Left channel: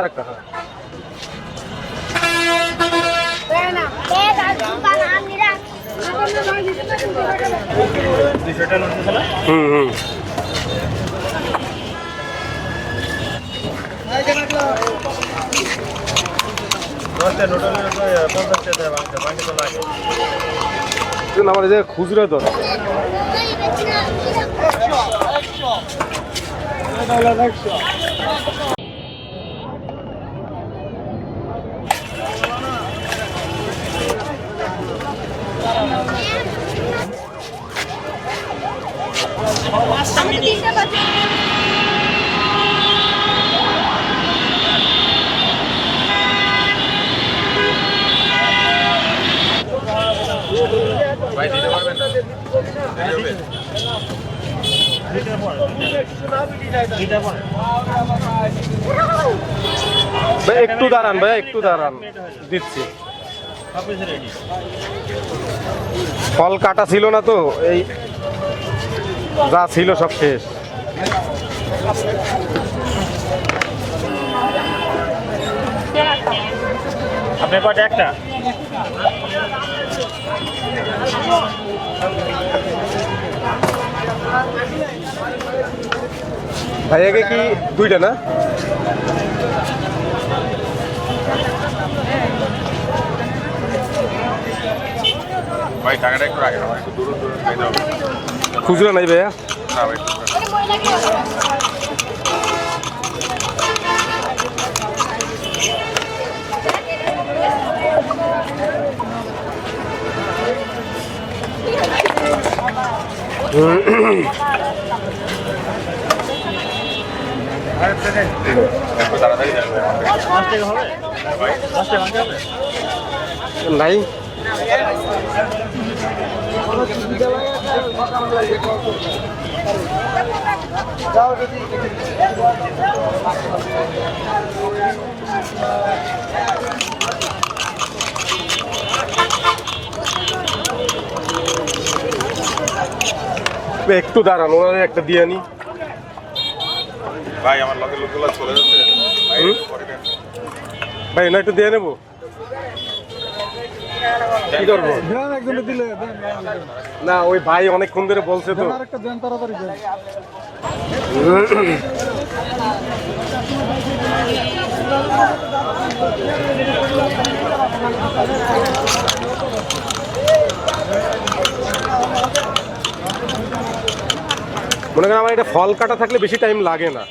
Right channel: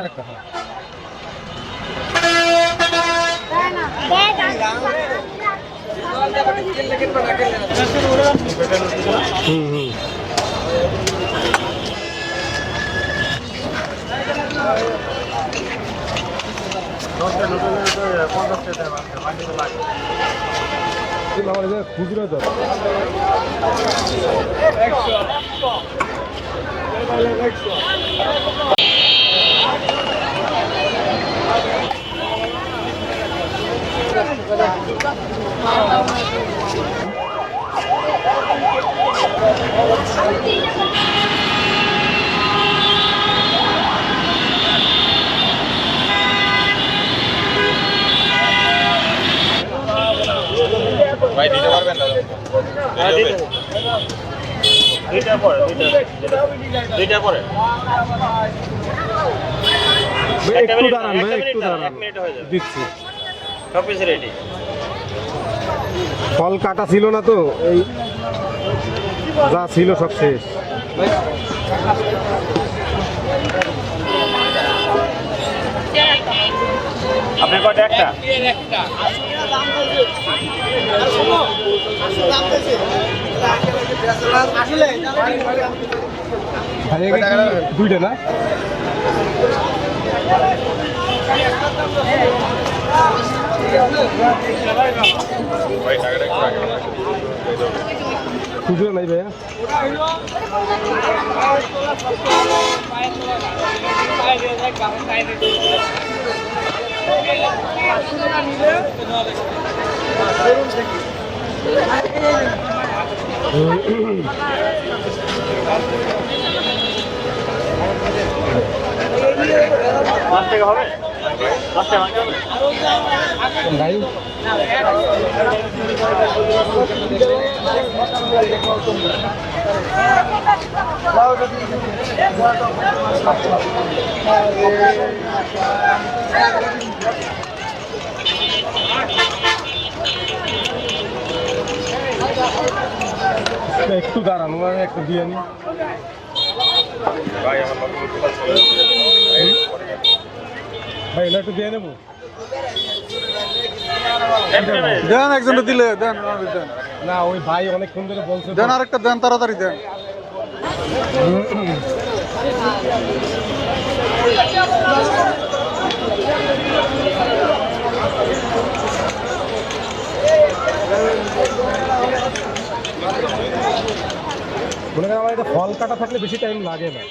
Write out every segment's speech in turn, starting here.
আর একটা হুম আমার যে খুচরো দর ভাই দিতে পারবেন না একটু দাঁড়ান ভাই একটু দাঁড়ান দিচ্ছি ফল কাটা ছিল না তো এই যা ছিল সব শেষ আপনার কয়টা একটা ভাইয়াকে কি দুইটা না ভাই টাকাটা একটু রাখেন খুচরা নাই ভাইয়া নাই একটু দাঁড়ান ওনারে একটা দিয়ে আনি ভাই আমার লগে লোকগুলো চলে যাচ্ছে ভাই না একটু দিয়ে নেবো দেন একজনে দিলে দেন না ওই ভাই অনেকক্ষণ ধরে বলছে দেন আরেকটা দেন তাড়াতাড়ি দেন মনে করেন আমার এটা ফল কাটা থাকলে বেশি টাইম লাগে না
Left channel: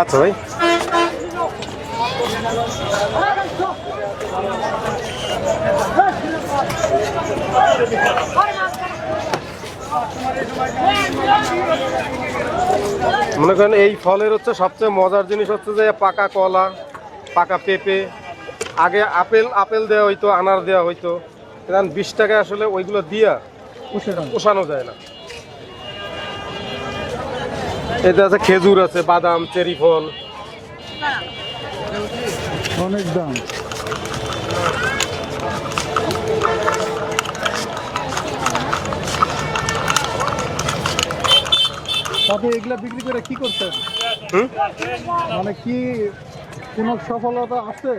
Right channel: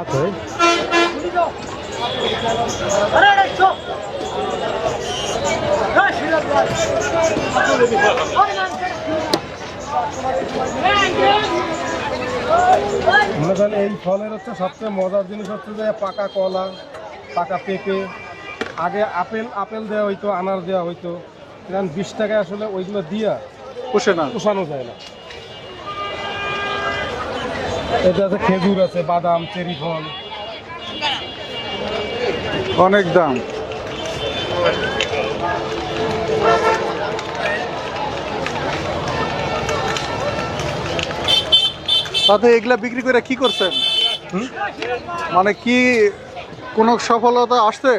আচ্ছা ভাই মনে করেন এই ফলের হচ্ছে সবচেয়ে মজার জিনিস হচ্ছে যে পাকা কলা পাকা পেঁপে আগে আপেল দেওয়া হইতো আনার দেওয়া হইতো কারণ 20 টাকায় আসলে ওইগুলো দিয়া পোষানো যায় না এতে আছে খেজুর আছে বাদাম চেরি ফল অনেক দাম সাথে এগুলা বিক্রি করে কি করছেন মানে কি কোনো সফলতা আসছে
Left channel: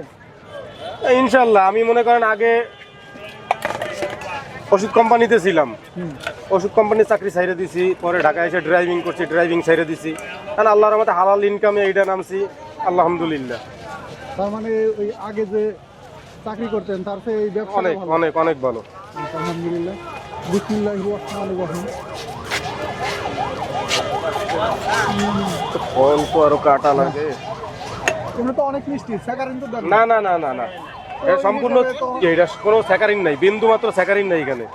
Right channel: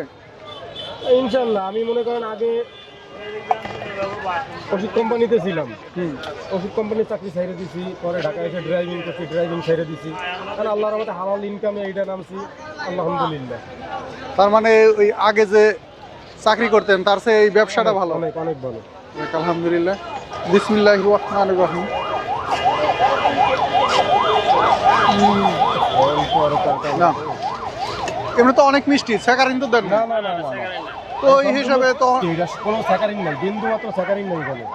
ইনশাল্লাহ আমি মনে করেন আগে ওষুধ কোম্পানিতে ছিলাম ওষুধ কোম্পানির চাকরি ছাইড়ে দিছি পরে ঢাকায় এসে ড্রাইভিং করছি ড্রাইভিং ছাইড়ে দিছি কারণ আল্লাহর রহমতে হালাল ইনকামে এইটা নামছি আলহামদুলিল্লাহ তার মানে ওই আগে যে চাকরি করতেন তার চেয়ে এই ব্যবসাটা ভালো অনেক অনেক ভালো আলহামদুলিল্লাহ বিসমিল্লাহির রহমানির রহিম অল্প আরো কাটা লাগে এমনি তো অনেক মিষ্টি স্যাকারিন তো দেন না না না না না তো এই হিসাবে তো এটা কোনো স্যাকারিন নাই বিন্দু মাত্র স্যাকারিন নাই এখানে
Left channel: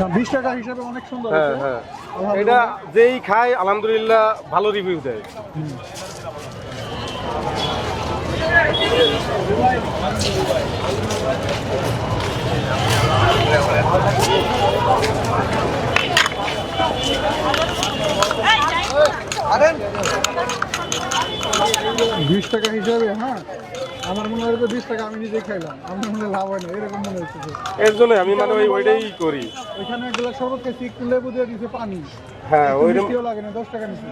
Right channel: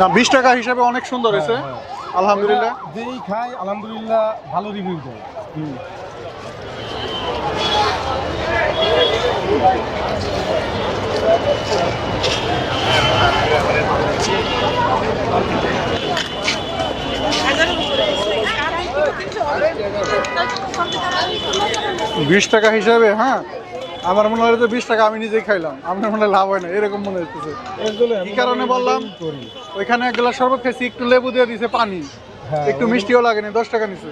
না 20 টাকা হিসাবে অনেক সুন্দর হয়েছে আলহামদুলিল্লাহ যেই খায় আলহামদুলিল্লাহ ভালো রিভিউ দেয় 20 টাকা হিসাবে, হ্যাঁ আমার মনে হয় তো 20 টাকা আমি নিজেই খাইলাম, আপনার মনে হয় লাভ হয় না এরকম মনে হচ্ছে। এর জন্য আমি এই কারণে বললাম ওইটাই করি। ওইখানে এক গ্লাস শরবত খাইছি, একটু লেবু দিয়ে দিছে পানি, হ্যাঁ একটু মিষ্টিও লাগেনি, 10 টাকা নিচ্ছে।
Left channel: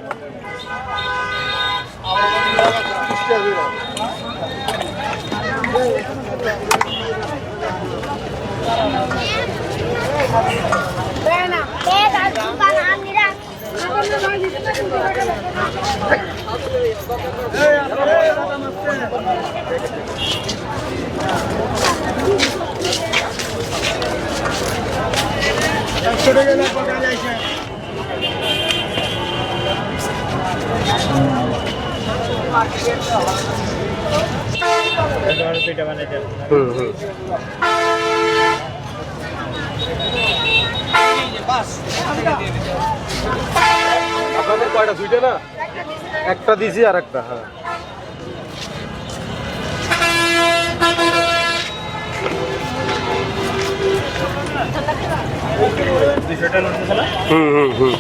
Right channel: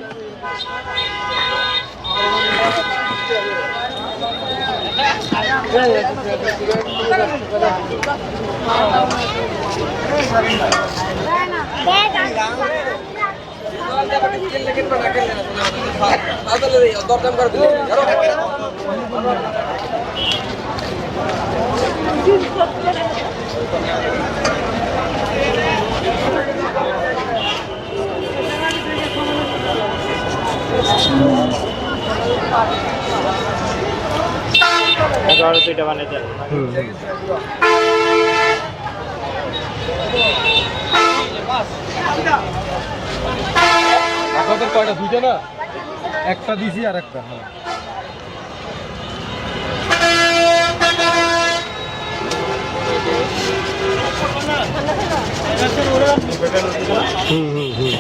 আপনাদের কয়টা? 2টা না? একটা দিছি আর একটা। হ্যাঁ হুম হুম হুম।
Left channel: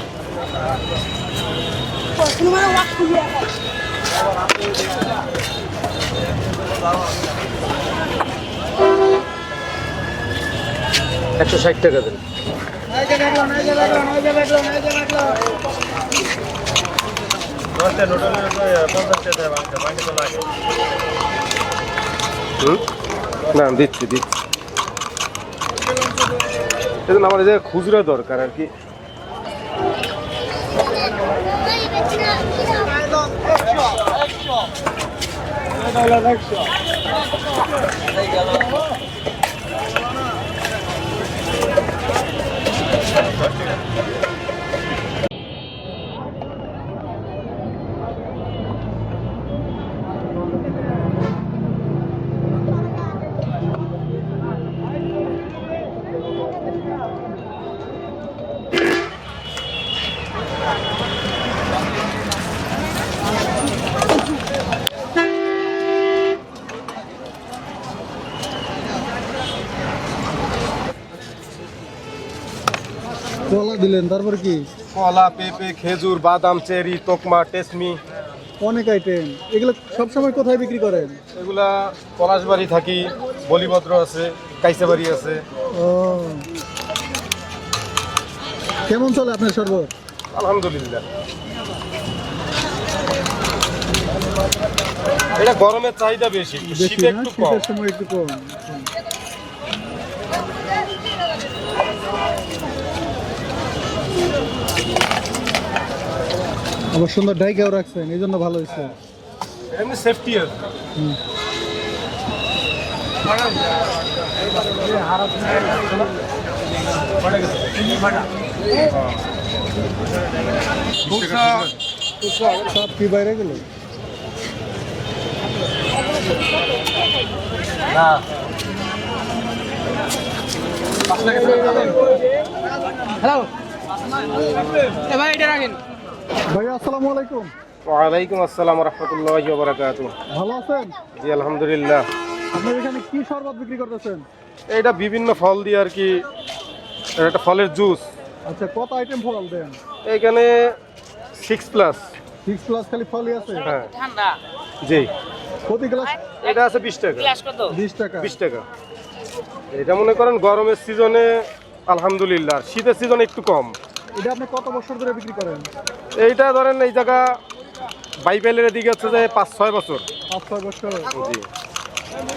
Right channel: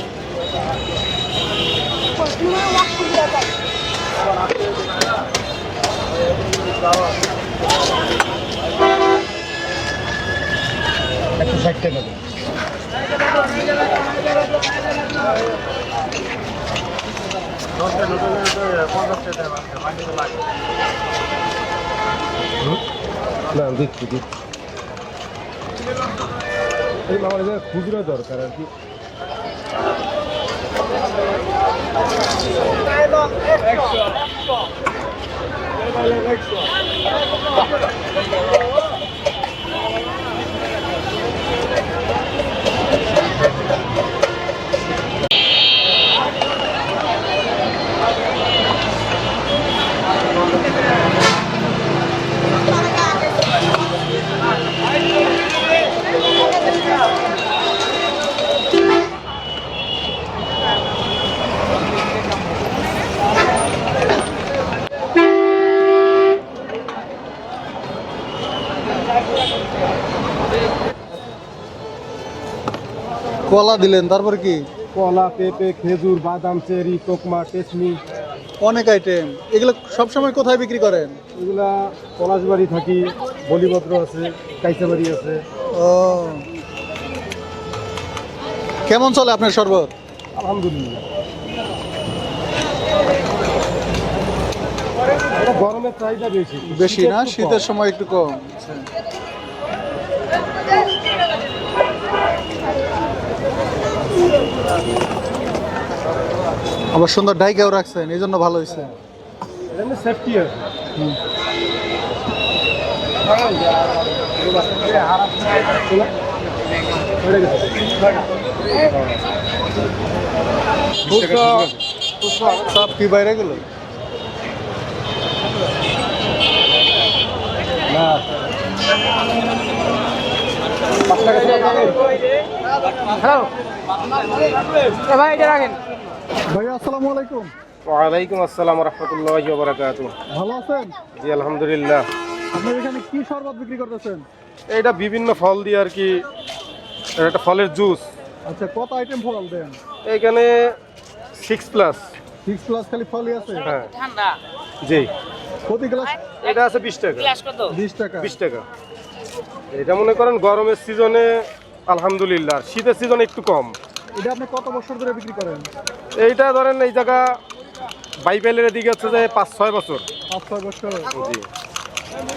$160 দেন। না দিচ্ছি দিচ্ছি। দেখুন আমার এই যে খুচরা দরকার আর কি। কলা দিলেন, তারপর কি? কলা, পেঁপে, খেজুর, বাদাম, চেরি, তোকমা, টেসমি, অনেক আইটেম। এগুলো সবসময় কোথায় বিক্রি করেন? এগুলা পলাশবাড়ি থাকি, বলিভদ্র আছে, কাইসাবাড়ি আছে। ও, কেমন চলে আপনার শরবত? আলহামদুলিল্লাহ। এটা গরমের চাহিদা বেশি বেশি না, শীতে একটু কম। শীতের সময় একটু কম। আচ্ছা। আবার সুন্দর ডাইকাও রাখছেন, এই জন্য ভালো হয়েছে। এমনি সেফটি আছে। সব কি বাইরে গেল? না হ্যালো ভাই, এটা রাখেন। ভাইয়া আসসালামু আলাইকুম। ওয়ালাইকুম আসসালাম রহমতুল্লাহি ওয়া বারাকাতুহু। ভালো আছেন? জি আলহামদুলিল্লাহ। আপনার এখানে কি শরবত বিক্রি করতেছেন? এটা বিভিন্ন ফল দিয়ে আর কি, এটা একটা ফলের জুস। আচ্ছা, কত আইটেম ফল দেন? এখানে 6+। 6+ খালি ফলই আছে? হ্যাঁ ঠান্ডা জি। প্রতি গ্লাস এটা আছে 20 টাকা। গ্লাস কত? 20 টাকা। 20 টাকা। এটা মনে করেন গরমের সিজনে আলহামদুলিল্লাহ, শীতের সিজনে একটু কম। এটা আপনি কত বছর ধরে বিক্রি করেন? এইটা ধরেন এই জায়গা বাইবেলের দিকে হচ্ছে যে 5-6 বছর। 5-6 বছর। জি।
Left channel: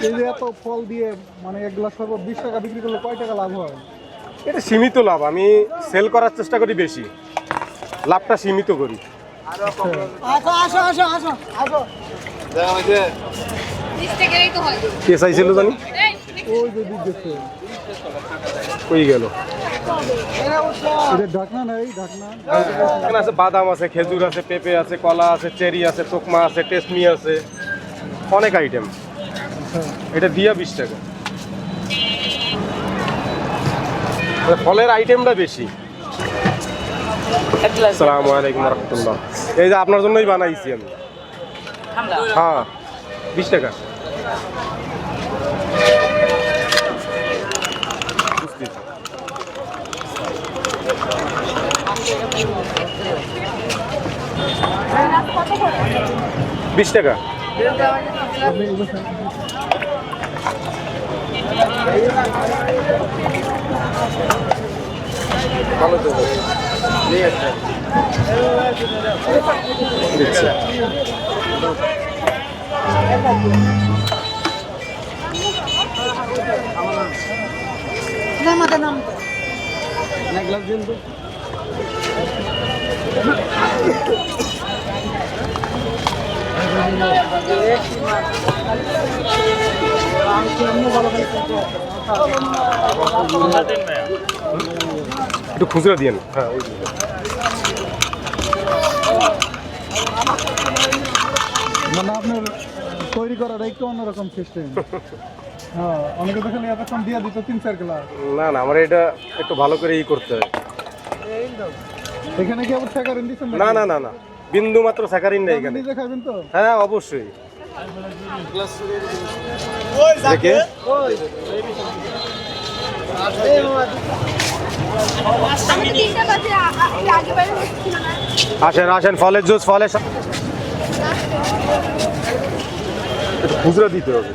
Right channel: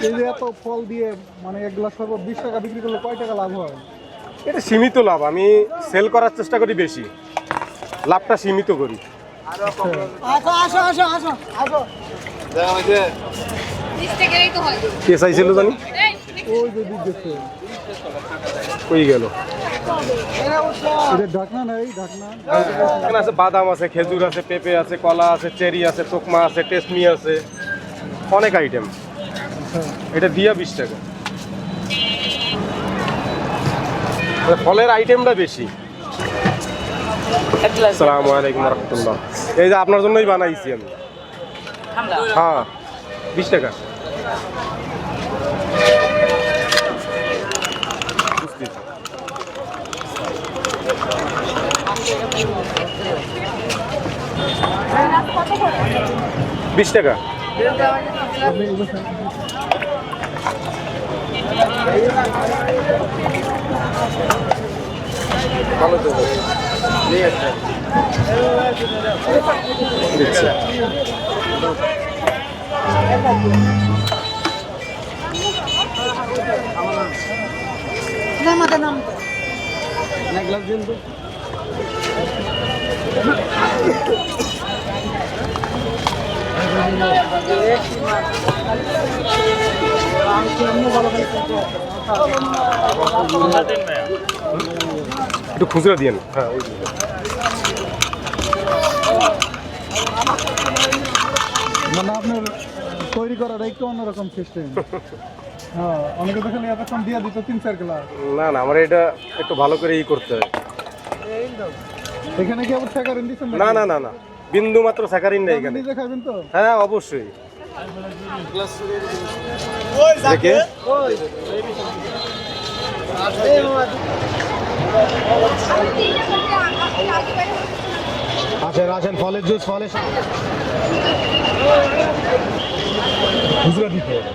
এই যে এত ফল দিয়ে মানে এক গ্লাস শরবত 20 টাকা বিক্রি করলে কয় টাকা লাভ হয়? এটা সীমিত লাভ, আমি সেল করার চেষ্টা করি বেশি, লাভটা সীমিত করি। কে চাইছিল জানি, ওই যে দুধ দেখছে, কই গেল। এটা ঢাকনা নাই, ঢাকনা। এখানে আছে বাদাম আছে, খেজুর আছে, পেঁপে আছে, কলা আছে, চেরি আছে, তোকমা আছে, টেসমি আছে, অনেক আইটেম। এটা দিয়া 20 টাকা। ফলের আইটেমটা বেশি। আসসালামু আলাইকুম রহমতুল্লাহ। এই যে আপনার জন্যই বানাইছি আমি। ঠান্ডা হ্যাঁ 20 টাকা। বুঝতেছি। 20 টাকা। ভালো তো নিয়ে আসছে দিচ্ছে একটু খুচরা দিয়েন। হ্যাঁ ওই দিন। মানে আপনার তৈরি করার একটু অন্যরকম সিস্টেম। হ্যাঁ, অনেকে দেখেন এতক্ষণ দিয়ে দিত 3-4 গ্লাস। না না আমার এটা একটু ভালো করে করতে হয়। এখানে কি আবার স্যাকারিন দিচ্ছেন? না না না না বিন্দু মাত্র স্যাকারিন নেই এখানে। নিজে খাবেন তো? হ্যাঁ অবশ্যই। দেখে আসেন আসেন ফলের জুস ফলের খুচরা দিতে হবে।